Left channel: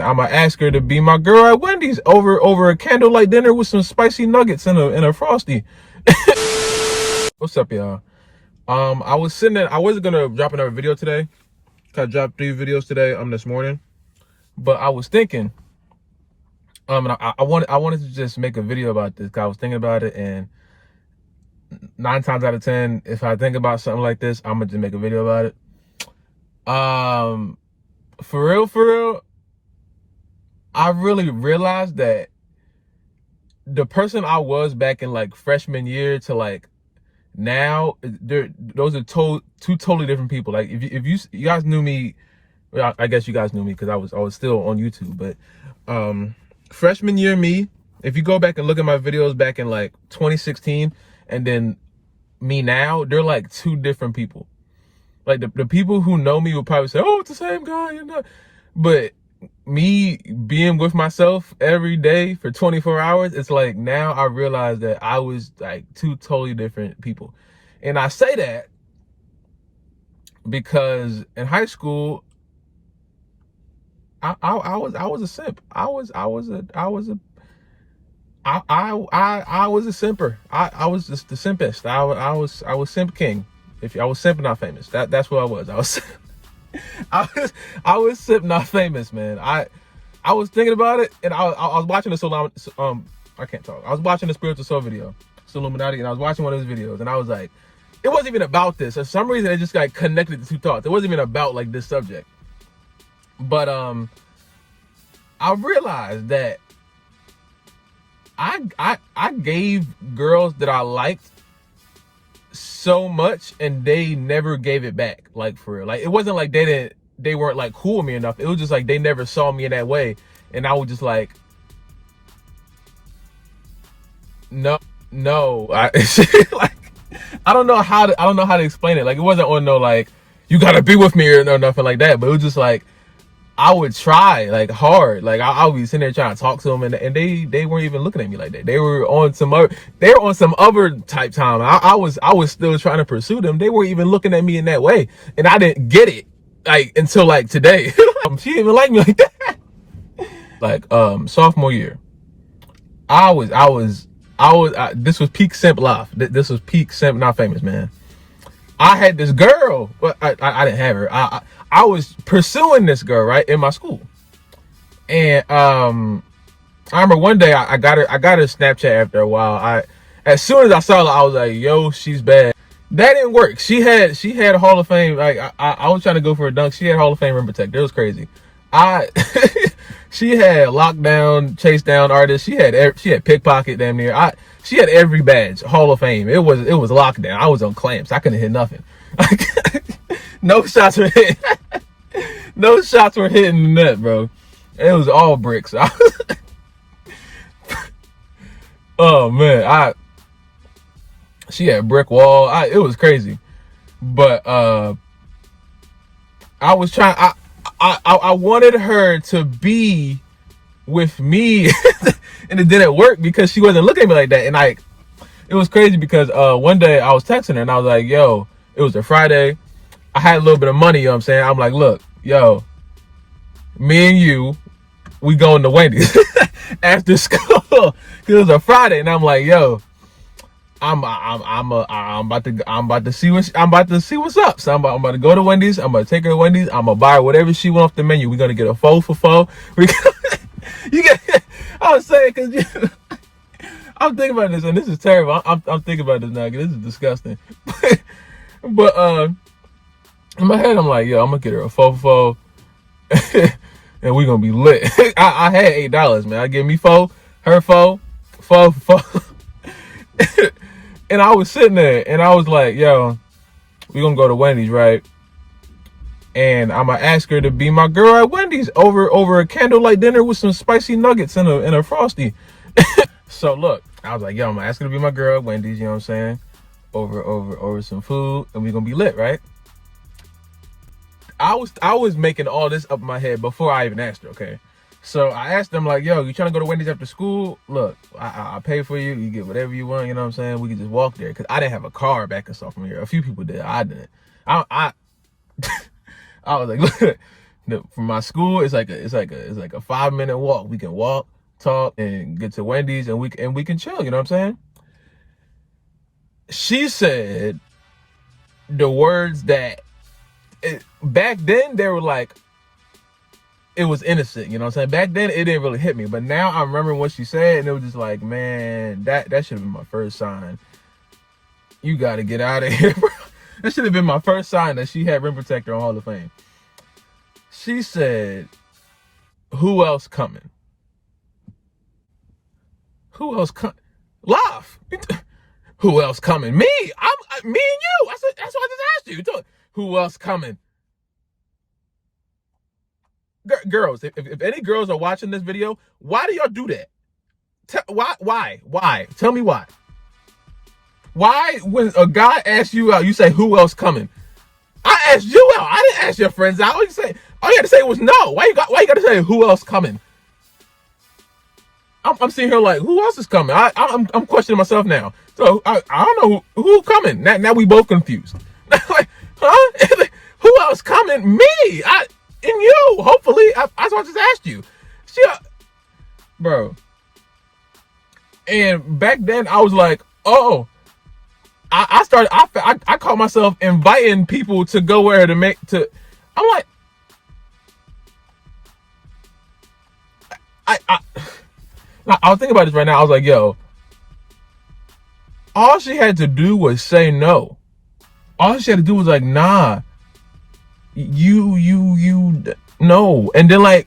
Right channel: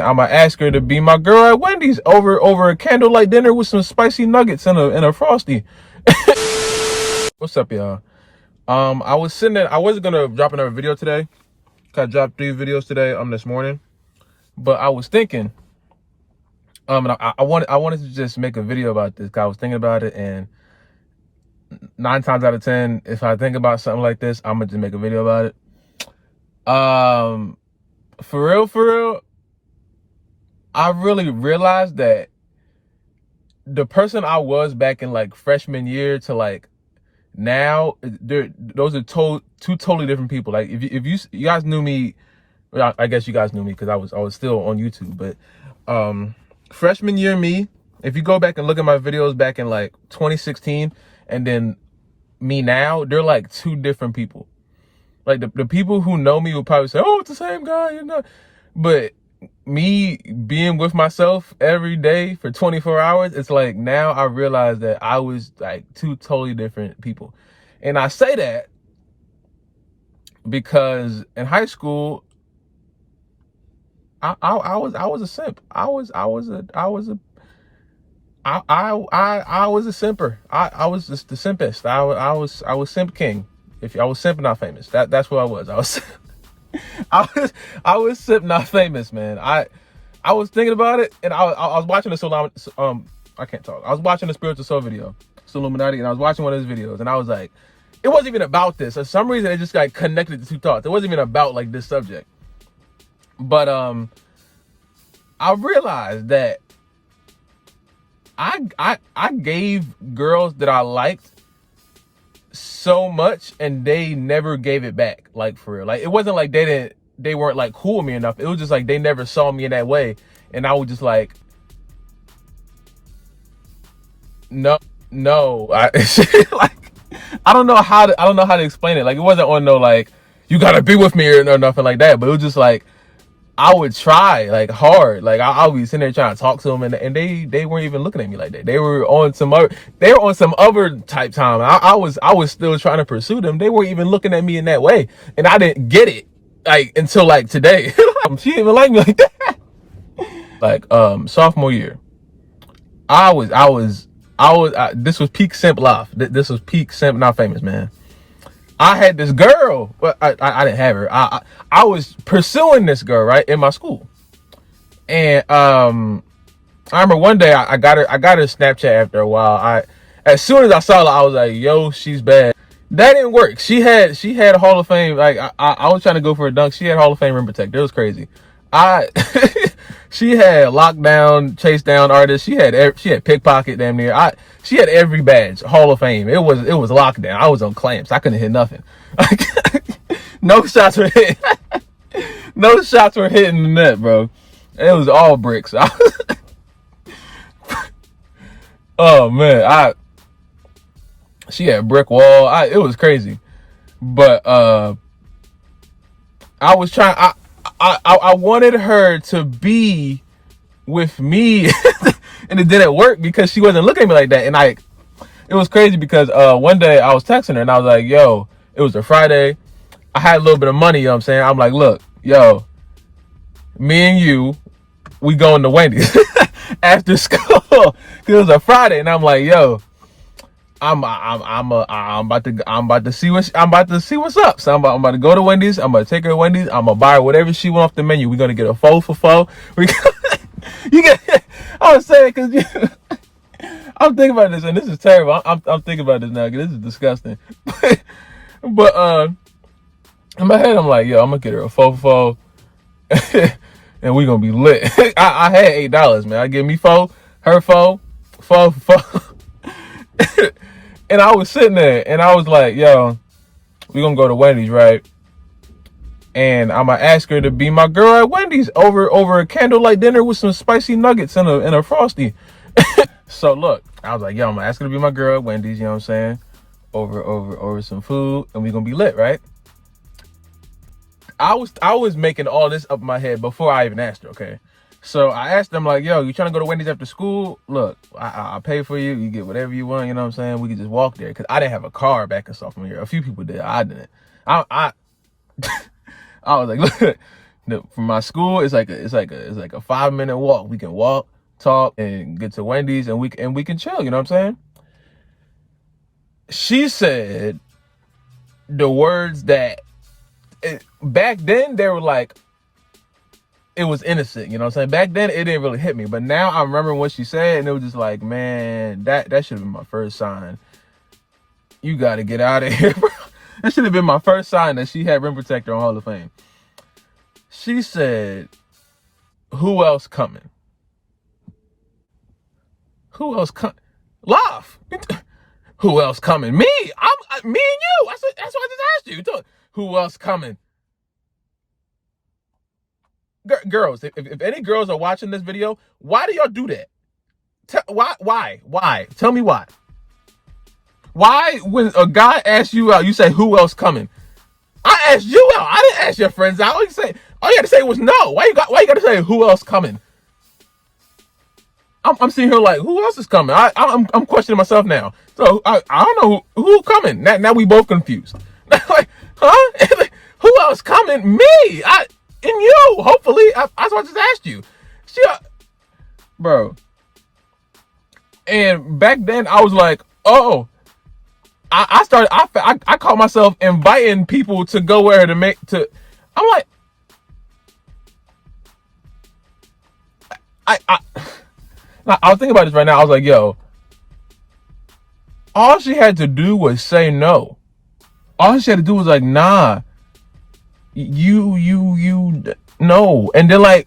I'ma ask her to be my girl at Wendy's over a candlelight dinner with some spicy nuggets and a frosty. What's up, y'all? I was sitting there. I wasn't gonna drop another video today. I dropped 3 videos today this morning, but I was thinking, and I wanted to just make a video about this. 'Cause I was thinking about it, and 9 times out of 10, if I think about something like this, I'm gonna just make a video about it. For real, I really realized that the person I was back in like freshman year to like now, those are two totally different people. Like if you guys knew me, well, I guess you guys knew me because I was still on YouTube. But freshman year me, if you go back and look at my videos back in like 2016, and then me now, they're like 2 different people. Like the people who know me will probably say, "Oh, it's the same guy," you know. But me being with myself every day for 24 hours, it's like now I realize that I was like 2 totally different people. And I say that because in high school, I was a simp. I was a simper. I was just the simpest. I was simp king. If I was simp not famous, that's what I was. I was simp not famous, man. I was thinking about it, and I was watching I can't talk. I was watching the Spiritual Soul video, Illuminati, and I was watching one of his videos, and I was like, it wasn't even about this. For some reason, it just like connected the 2 thoughts. It wasn't even about like this subject. But I realized that I gave girls that I liked so much, and they never gave it back. Like for real. Like it wasn't like they weren't like cool with me enough. It was just like they never saw me in that way, and I was just like, no. Like I don't know how to explain it. Like it wasn't on no like you gotta be with me or nothing like that. But it was just like I would try like hard. Like I would be sitting there trying to talk to them, and they weren't even looking at me like that. They were on some other type time. I was still trying to pursue them. They weren't even looking at me in that way, and I didn't get it like until like today. She didn't even like me like that. Like sophomore year, this was peak simp life. This was peak simp not famous, man. I had this girl. Well, I didn't have her. I was pursuing this girl right in my school, and I remember one day I got her Snapchat after a while. As soon as I saw her, I was like, "Yo, she's bad." That didn't work. She had a Hall of Fame. Like I was trying to go for a dunk. She had Hall of Fame rim protector. It was crazy. She had lockdown, chase down artist. She had pickpocket damn near. She had every badge, Hall of Fame. It was lockdown. I was on clamps. I couldn't hit nothing. No shots were hitting. No shots were hitting the net, bro. It was all bricks. Oh man, she had brick wall. It was crazy, but I was trying. I wanted her to be with me, and it didn't work because she wasn't looking at me like that. And it was crazy because one day I was texting her and I was like, "Yo," it was a Friday. I had a little bit of money. You know what I'm saying? I'm like, "Look, yo, me and you, we going to Wendy's after school." It was a Friday, and I'm like, "Yo, I'm about to see what's up. So I'm about to go to Wendy's. I'm gonna take her to Wendy's. I'm gonna buy whatever she wants off the menu. We're gonna get a 4 for 4. You get. I was saying because I'm thinking about this, and this is terrible. I'm thinking about this now because this is disgusting. But in my head, I'm like, yo, I'm gonna get her a 4 for 4, and we're gonna be lit. I had $8, man. I give me 4, her 4 for 4. And I was sitting there, and I was like, yo, we're going to go to Wendy's, right? And I'm going to ask her to be my girl at Wendy's over a candlelight dinner with some spicy nuggets and a frosty. So, look, I was like, yo, I'm going to ask her to be my girl at Wendy's, you know what I'm saying? Over some food, and we're going to be lit, right? I was making all this up in my head before I even asked her, okay? So I asked them like, yo, you trying to go to Wendy's after school? Look, I'll pay for you. You get whatever you want. You know what I'm saying? We can just walk there. Because I didn't have a car back in sophomore year. A few people did. I didn't. I was like, look, from my school, it's like a 5-minute walk. We can walk, talk, and get to Wendy's, and we can chill. You know what I'm saying? She said the words that back then they were like, it was innocent. You know what I'm saying? Back then it didn't really hit me, but now I remember what she said, and it was just like, man, that should have been my first sign. You got to get out of here, bro. That should have been my first sign that she had rim protector on Hall of Fame. She said, who else coming? Who else coming? Laugh. Who else coming? Me. Me and you. That's what I just asked you. Who else coming? Girls, if any girls are watching this video, why do y'all do that? Why? Tell me why. Why, when a guy asks you out, you say, who else coming? I asked you out. I didn't ask your friends out. All you had to say was no. Why you got to say who else coming? I'm sitting here like, who else is coming? I'm questioning myself now. So I don't know who coming. Now we both confused. Like, huh? Who else coming? Me. And you. Hopefully. That's what I just asked you. Bro. And back then I was like, oh. I caught myself inviting people to go where I'm like, I was thinking about this right now. I was like, yo, all she had to do was say no. All she had to do was like, nah, you no. And then like,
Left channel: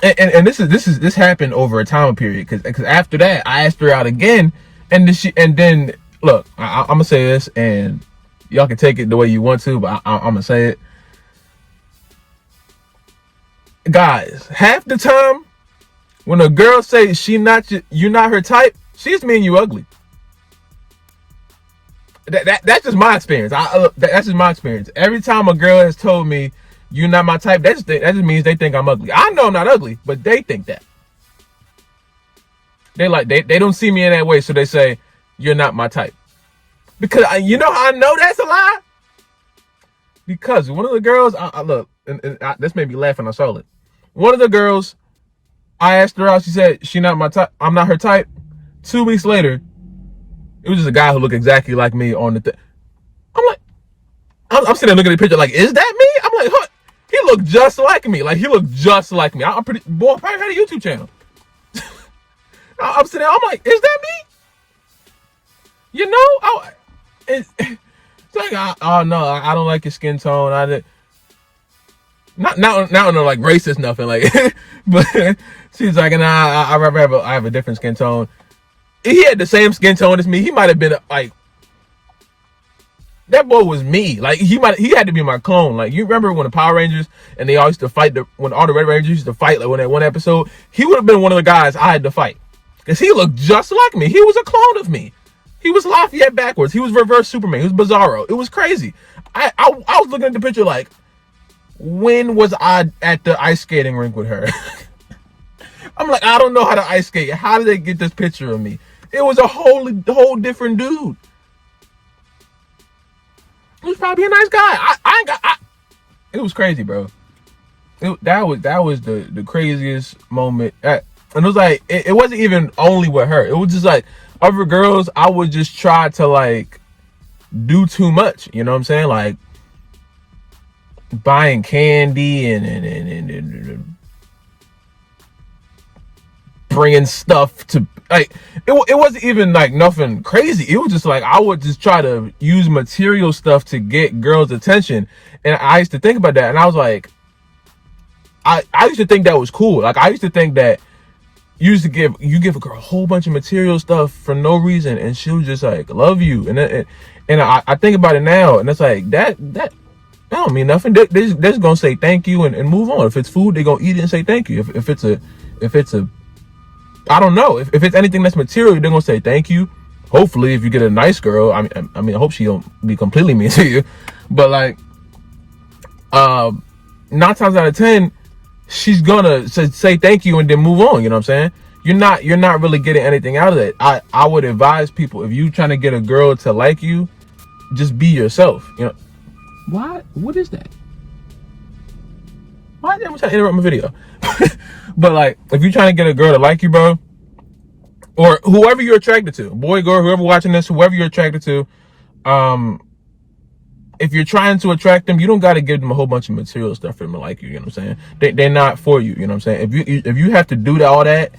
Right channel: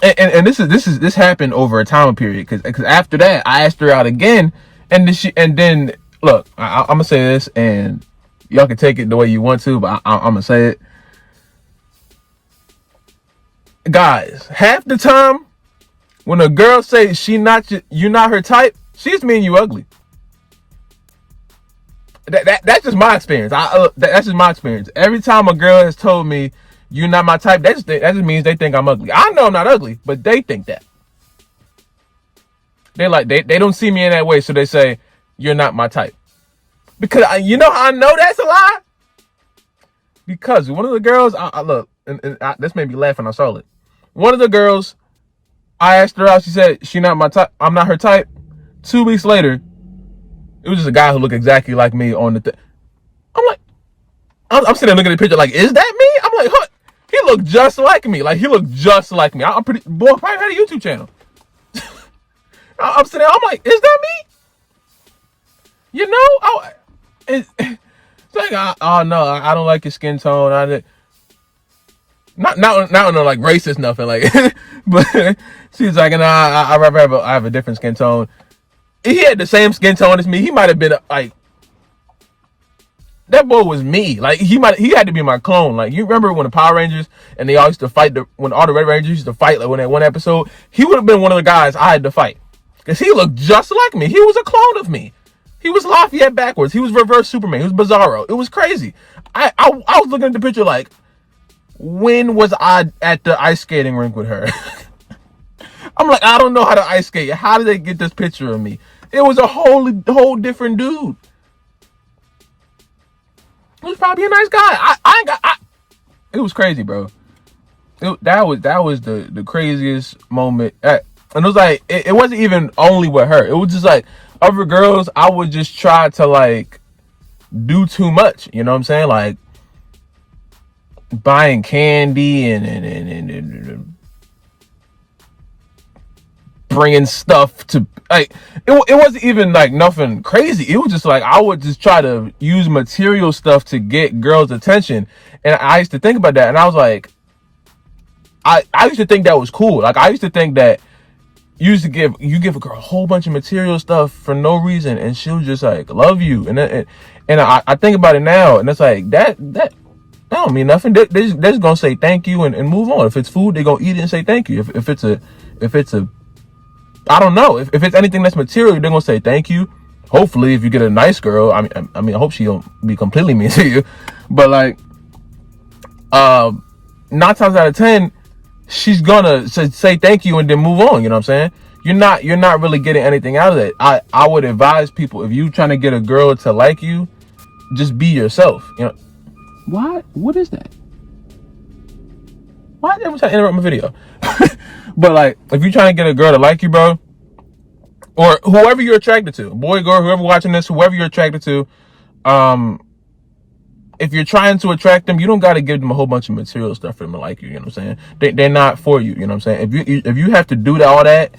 and this happened over a time period, because after that I asked her out again, and then look, I'm gonna say this, and y'all can take it the way you want to, but I'm gonna say it, guys. Half the time, when a girl says you're not her type, she just mean you ugly. That's just my experience. That's just my experience. Every time a girl has told me you're not my type, that just means they think I'm ugly. I know I'm not ugly, but they think that. They don't see me in that way, so they say you're not my type. Because you know how I know that's a lie? Because one of the girls, look, this made me laugh when I saw it. One of the girls, I asked her out. She said she not my type. I'm not her type. 2 weeks later, it was just a guy who looked exactly like me on the thing. I'm like, I'm sitting there looking at the picture like, is that me? I'm like, huh? He looked just like me. Like, he looked just like me. I'm pretty, boy, probably had a YouTube channel. I'm sitting there, I'm like, is that me? You know? It's like, oh no, I don't like your skin tone. Not on the like racist nothing, like, but she's like, nah, I have a different skin tone. He had the same skin tone as me. He might have been like, that boy was me. Like, he had to be my clone. Like, you remember when the Power Rangers and they all used to fight, when all the Red Rangers used to fight, like when that one episode, he would have been one of the guys I had to fight, because he looked just like me. He was a clone of me. He was Lafayette backwards. He was reverse Superman. He was Bizarro. It was crazy. I was looking at the picture like, when was I at the ice skating rink with her? I'm like, I don't know how to ice skate. How did they get this picture of me? It was a whole different dude. He was probably a nice guy. It was crazy, bro. That was the craziest moment. And it was like, it wasn't even only with her. It was just like, other girls, I would just try to like do too much. You know what I'm saying? Like buying candy and bringing stuff to, like, it wasn't even like nothing crazy. It was just like, I would just try to use material stuff to get girls' attention. And I used to think about that, and I was like, I used to think that was cool. Like, I used to think that you give a girl a whole bunch of material stuff for no reason, and she'll just like love you. And I think about it now, and it's like that don't mean nothing. They're just gonna say thank you and move on. If it's food, they're gonna eat it and say thank you. If it's a I don't know. If it's anything that's material, they're gonna say thank you. Hopefully, if you get a nice girl, I mean, I hope she don't be completely mean to you. But like, 9 times out of 10, she's gonna say thank you and then move on. You know what I'm saying? You're not really getting anything out of it. I would advise people, if you trying to get a girl to like you, just be yourself. You know. What is that? Why you ever try to interrupt my video? But like, if you're trying to get a girl to like you, bro, or whoever you're attracted to, boy, girl, whoever watching this, whoever you're attracted to, if you're trying to attract them, you don't got to give them a whole bunch of material stuff for them to like you. You know what I'm saying? They're not for you. You know what I'm saying? If you have to do all that,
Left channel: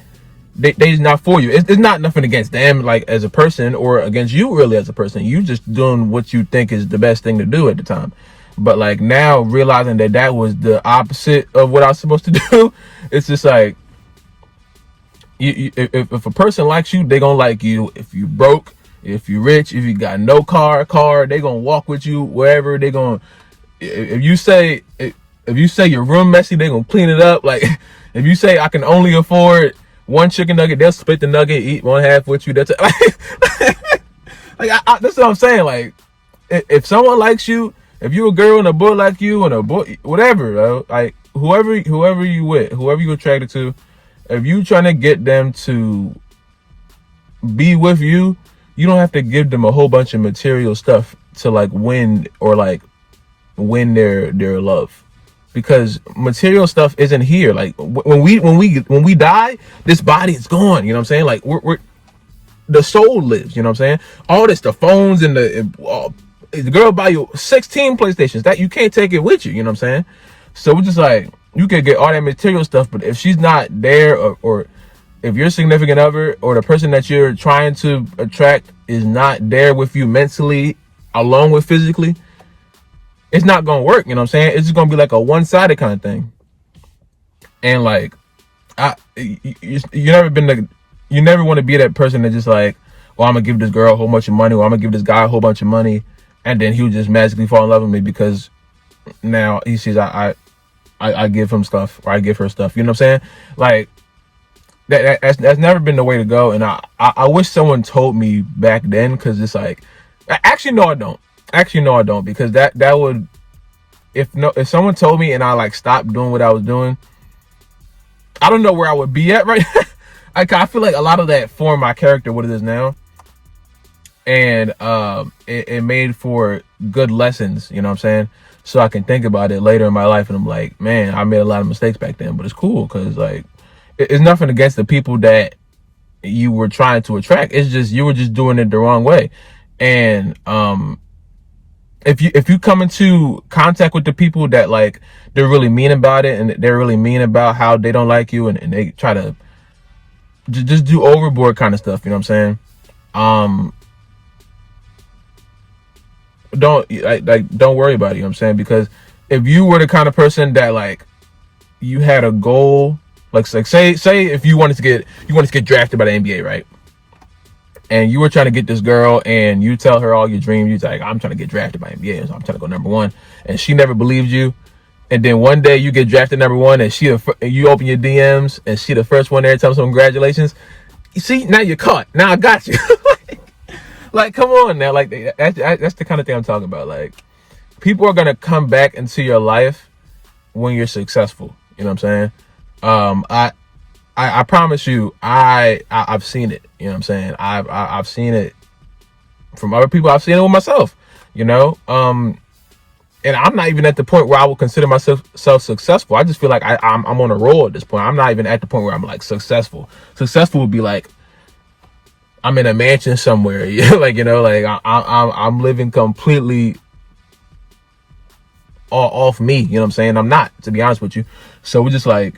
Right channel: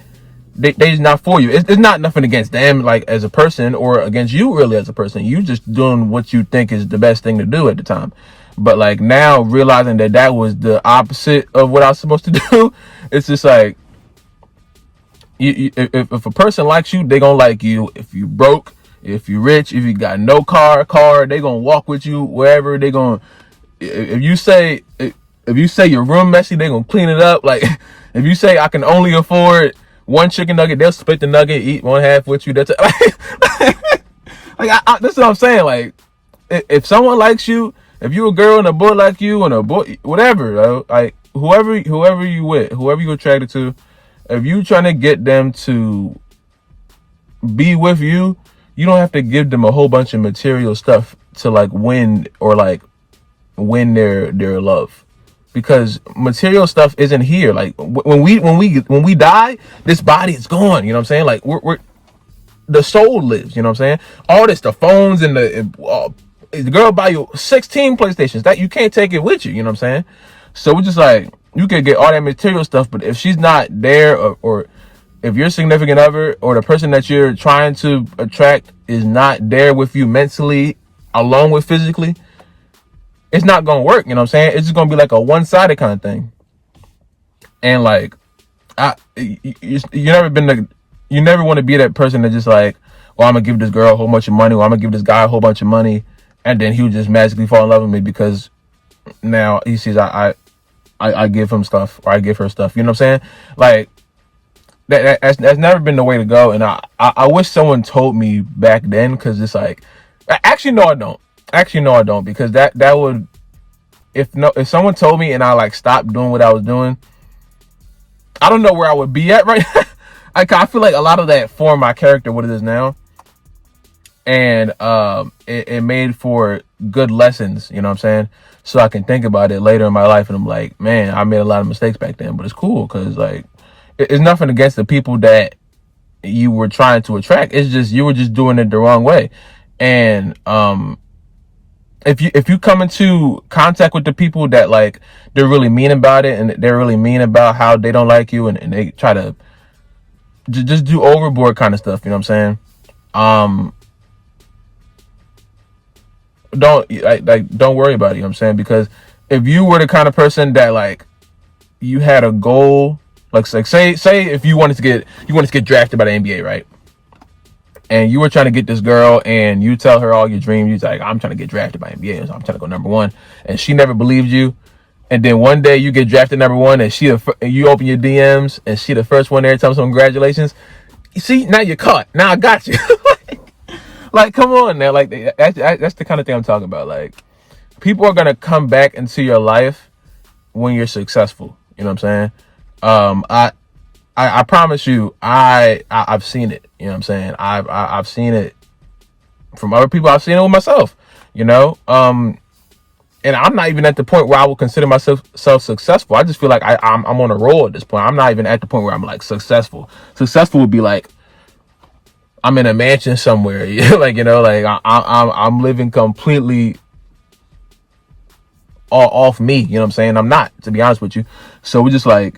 they's not for you. It's not nothing against them, like as a person, or against you really as a person. You just doing what you think is the best thing to do at the time. But like now, realizing that was the opposite of what I was supposed to do, it's just like, if a person likes you, they gonna like you. If you broke, if you rich, if you got no car, they gonna walk with you wherever. They gonna, if you say your room messy, they gonna clean it up. Like if you say I can only afford one chicken nugget, they'll split the nugget, eat one half with you. That's like this is what I'm saying. Like if someone likes you, if you a girl and a boy like you, and a boy whatever, bro, like whoever you with, whoever you attracted to, if you trying to get them to be with you, you don't have to give them a whole bunch of material stuff to like win their love, because material stuff isn't here. Like when we die, this body is gone. You know what I'm saying? Like we're the soul lives. You know what I'm saying? All this, the phones and the girl buy you 16 PlayStations, that you can't take it with you. You know what I'm saying? So we're just like, you can get all that material stuff, but if she's not there, or if your significant other or the person that you're trying to attract is not there with you mentally along with physically, it's not gonna work. You know what I'm saying? It's just gonna be like a one-sided kind of thing. And like, you never want to be that person that just like, well, I'm gonna give this girl a whole bunch of money, or I'm gonna give this guy a whole bunch of money, and then he'll just magically fall in love with me because now he sees I give him stuff, or I give her stuff. You know what I'm saying? Like that's never been the way to go. And I wish someone told me back then, because it's like, actually no, I don't, because that would, if someone told me and I like stopped doing what I was doing, I don't know where I would be at right now. I feel like a lot of that formed my character, what it is now. And it made for good lessons, you know what I'm saying? So I can think about it later in my life and I'm like, man, I made a lot of mistakes back then, but it's cool, because like, it's nothing against the people that you were trying to attract. It's just, you were just doing it the wrong way. And if you come into contact with the people that like, they're really mean about it, and they're really mean about how they don't like you, and they try to just do overboard kind of stuff, you know what I'm saying? Don't worry about it, you know what I'm saying? Because if you were the kind of person that like, you had a goal, like say if you wanted to get drafted by the NBA, right? And you were trying to get this girl, and you tell her all your dreams. You're like, I'm trying to get drafted by NBA, so I'm trying to go #1, and she never believed you. And then one day you get drafted #1, and you open your DMs, and she the first one there, tell them congratulations. You see, now you're caught. Now I got you. Like, come on now. Like, that's the kind of thing I'm talking about. Like, people are gonna come back into your life when you're successful. You know what I'm saying? I promise you, I've seen it. You know what I'm saying? I've seen it from other people. I've seen it with myself. You know, and I'm not even at the point where I would consider myself successful. I just feel like I'm on a roll at this point. I'm not even at the point where I'm like successful. Successful would be like, I'm in a mansion somewhere. Like, you know, like I'm living completely off me. You know what I'm saying? I'm not, to be honest with you. So we're just like,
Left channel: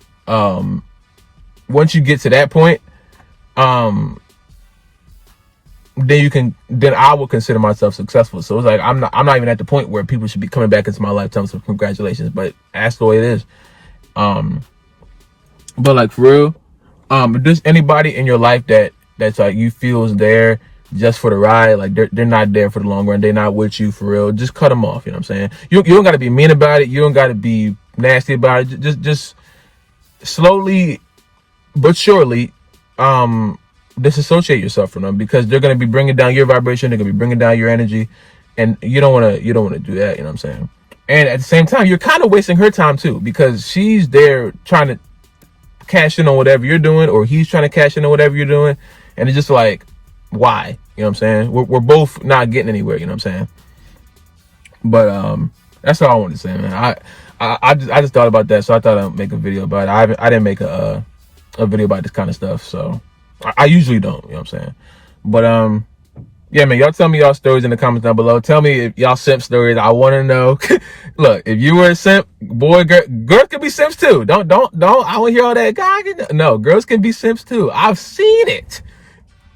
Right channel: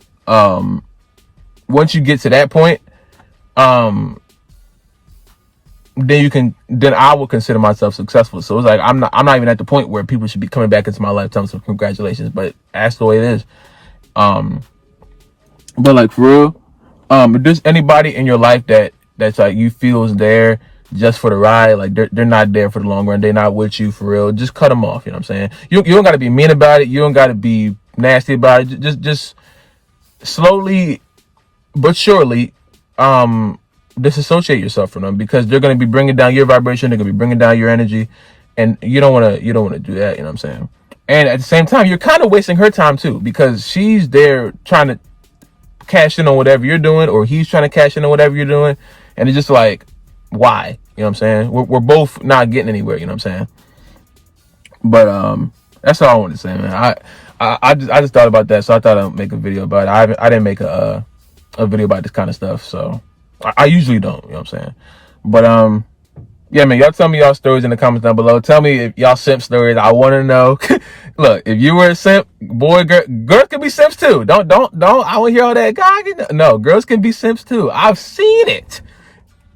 once you get to that point, then I will consider myself successful. So it's like, I'm not even at the point where people should be coming back into my life telling me congratulations, but that's the way it is. But like, for real, if there's anybody in your life that's like, you feel is there just for the ride, like they're not there for the long run, they're not with you for real, just cut them off. You know what I'm saying? You don't got to be mean about it. You don't got to be nasty about it. Just slowly but surely, disassociate yourself from them, because they're going to be bringing down your vibration. They're going to be bringing down your energy, and you don't want to do that. You know what I'm saying? And at the same time, you're kind of wasting her time too, because she's there trying to cash in on whatever you're doing, or he's trying to cash in on whatever you're doing. And it's just like, why? You know what I'm saying? We're both not getting anywhere. You know what I'm saying? But, that's all I want to say, man. I just thought about that, so I thought I'd make a video about it. I didn't make a video about this kind of stuff, so I usually don't. You know what I'm saying? But yeah, man, y'all tell me y'all stories in the comments down below. Tell me if y'all simp stories. I want to know. Look, if you were a simp, boy, girls can be simps too. Don't. I want to hear all that. God, no, girls can be simps too. I've seen it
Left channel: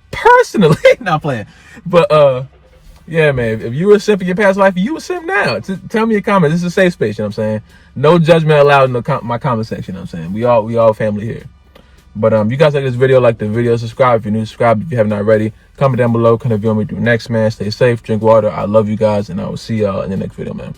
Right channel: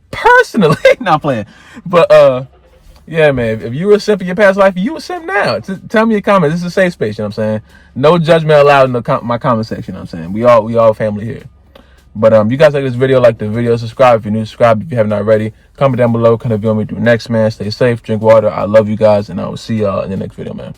personally. Not playing, but yeah, man. If you were a simp in your past life, you a simp now. Tell me in the comments. This is a safe space. You know what I'm saying? No judgment allowed in my comment section. You know what I'm saying? We all family here. But you guys like this video, like the video, subscribe if you're new, subscribe if you haven't already. Comment down below, kind of you want me to do next, man. Stay safe, drink water. I love you guys, and I will see y'all in the next video, man.